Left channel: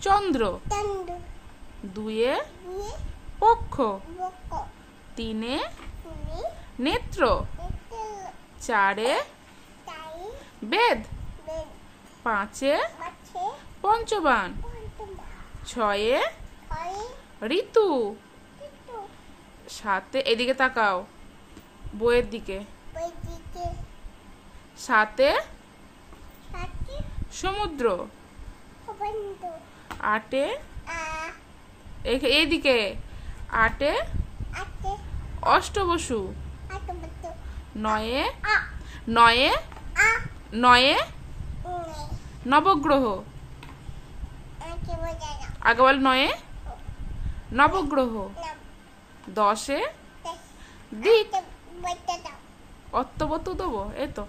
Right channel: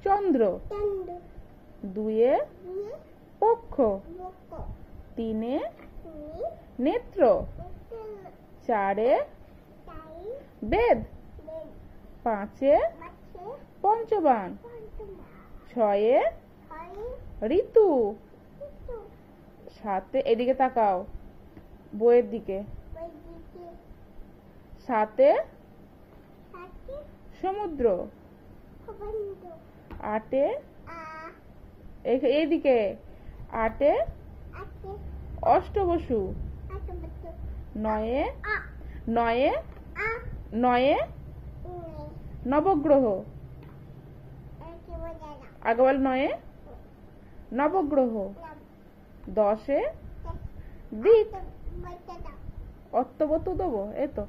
চন্দ্র। দুয়ে পক্ষ। তিনে নেত্র। চারে বেদ। পাঁচে পঞ্চবান। ছয়ে ঋতু। সাতে এদিকে তাকাও, বইয়ের দিকে। সাতে সমুদ্র। আটে এইদিকে। আটে অষ্টবসু। নয়ে নয়ে নয়ে নবগ্রহ। আগে বল, নয়ে নবগ্রহ। দশে দিক। অত্তবতু দেবো, এই তো।